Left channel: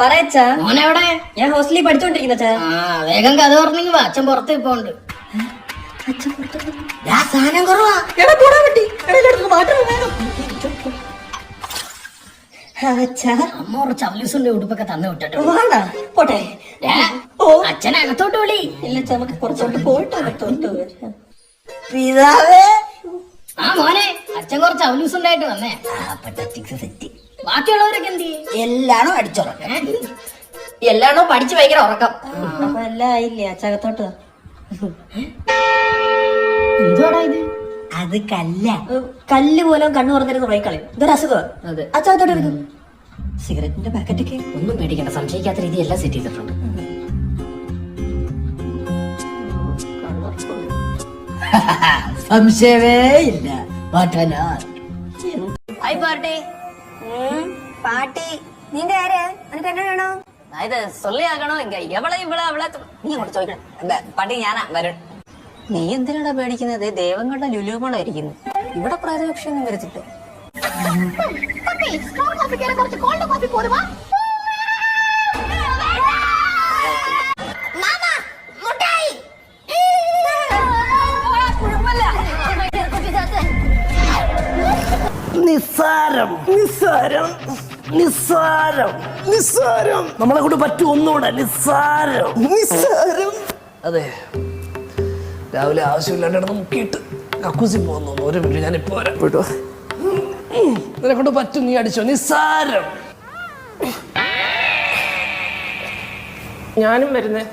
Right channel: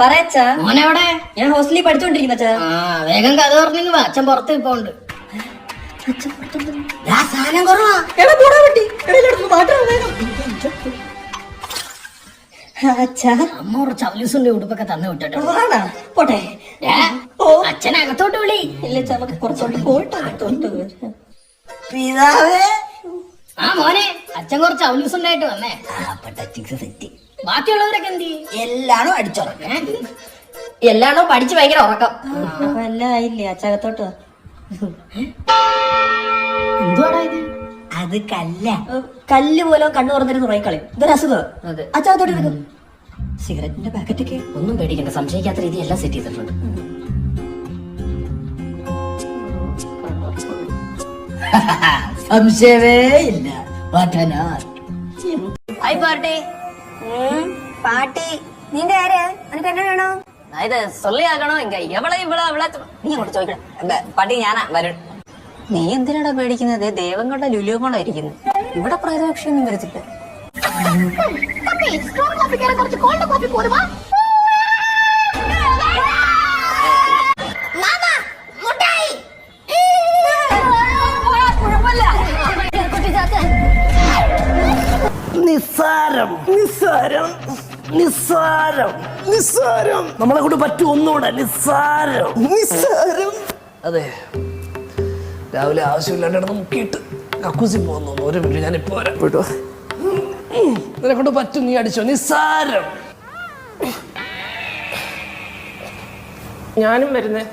പറയച്ചാ മോനെവിടെ? ഞാൻ ഹോസ്റ്റലിൽ പഠിച്ചോണ്ടിരിക്കുന്ന വേഗം കഥ പറഞ്ഞെങ്കിൽ വാ, അച്ഛൻ പുറത്ത് ഇപ്പോണ്ട്. സാധനം കുറവാ. അമ്മ കുറച്ച് അവലൂസിന്റെ ഉടുപ്പൊക്കെ തന്നു വിട്ടോ. പോട്ടെ അച്ഛനകത്തോട്ട് വിളി. ഇല്ല നമുക്ക് കുറച്ചോട്ട് പോയിട്ട് അകത്തോട്ട് പിതാവേ. ആ മോനെ, അച്ഛൻ കുറച്ച് അവലൂസ് ഉണ്ടായിട്ട് വന്നേ. സെറ്റ് ബാക്കിയുള്ളവരൊക്കെ എന്ത് ചെയ്യും? എല്ലാണോ അടിച്ചുറക്കേ? എല്ലാണോ പഠിച്ചു ഭയങ്കര ഉറക്കം. നല്ല ആയില്ലേ അച്ചകത്തോട്ട് എന്തുവാടാ ഇത്? അത് കല്ല. കല്ല് പോലും കണ്ണു തുറന്നിരുന്ന് ഉറങ്ങിക്കളയും. ഇതൊരു അസുഖം. അതെ. അച്ചകത്തോട്ട് എടുക്കും. സിഗരറ്റിന്റെ പാക്കറ്റൊക്കെ ഒന്നും പേടിക്കണ്ട, സംശയിക്കാത്ത രീതി എല്ലാം സെറ്റ് ചെയ്തിട്ടുണ്ട്. സംശയമേ ഇല്ല. പഠനാ ഹായ് പാർട്ടി. പാട്ടി നിന്റെ ആര്? നിനക്ക് എന്നെ വേണോ? ഇത് സൊല്ലിയാക്കണോ എങ്ക എവളെ നീ അങ്ങോട്ട് ചോദിക്കണം. പട്ടി ഞാനാ വരുൺ. നീ എന്തിനാടാ പേടിക്കുന്നത്? ദേവങ്ങളുടെ ലുലുമോളാ ഇരിക്കുന്നു. ഇവിടെ പ്രേതപക്ഷൊന്നും വരത്തില്ല. നിസ്സാരം നിസ്സാരം നിസ്സാരം നിസ്സാരം. നമ്മളെ കൊണ്ട് പറ്റും ഒന്നുകൂടെ. നിസ്സാരം നിസ്സാരം. അതെ, രാവിലെ ആവശ്യമില്ലാണ്ട് മുക്കിയിട്ട് കക്കൂസി പോകുന്നു. ഒരു മിനിറ്റ്, ഞാനിപ്പോ വരാം. വിട്ടോ, നിന്നെ കൊണ്ട് പറ്റും. നീ അടിച്ചോ. നിസ്സാരം. ഞാനും വരുന്നേ.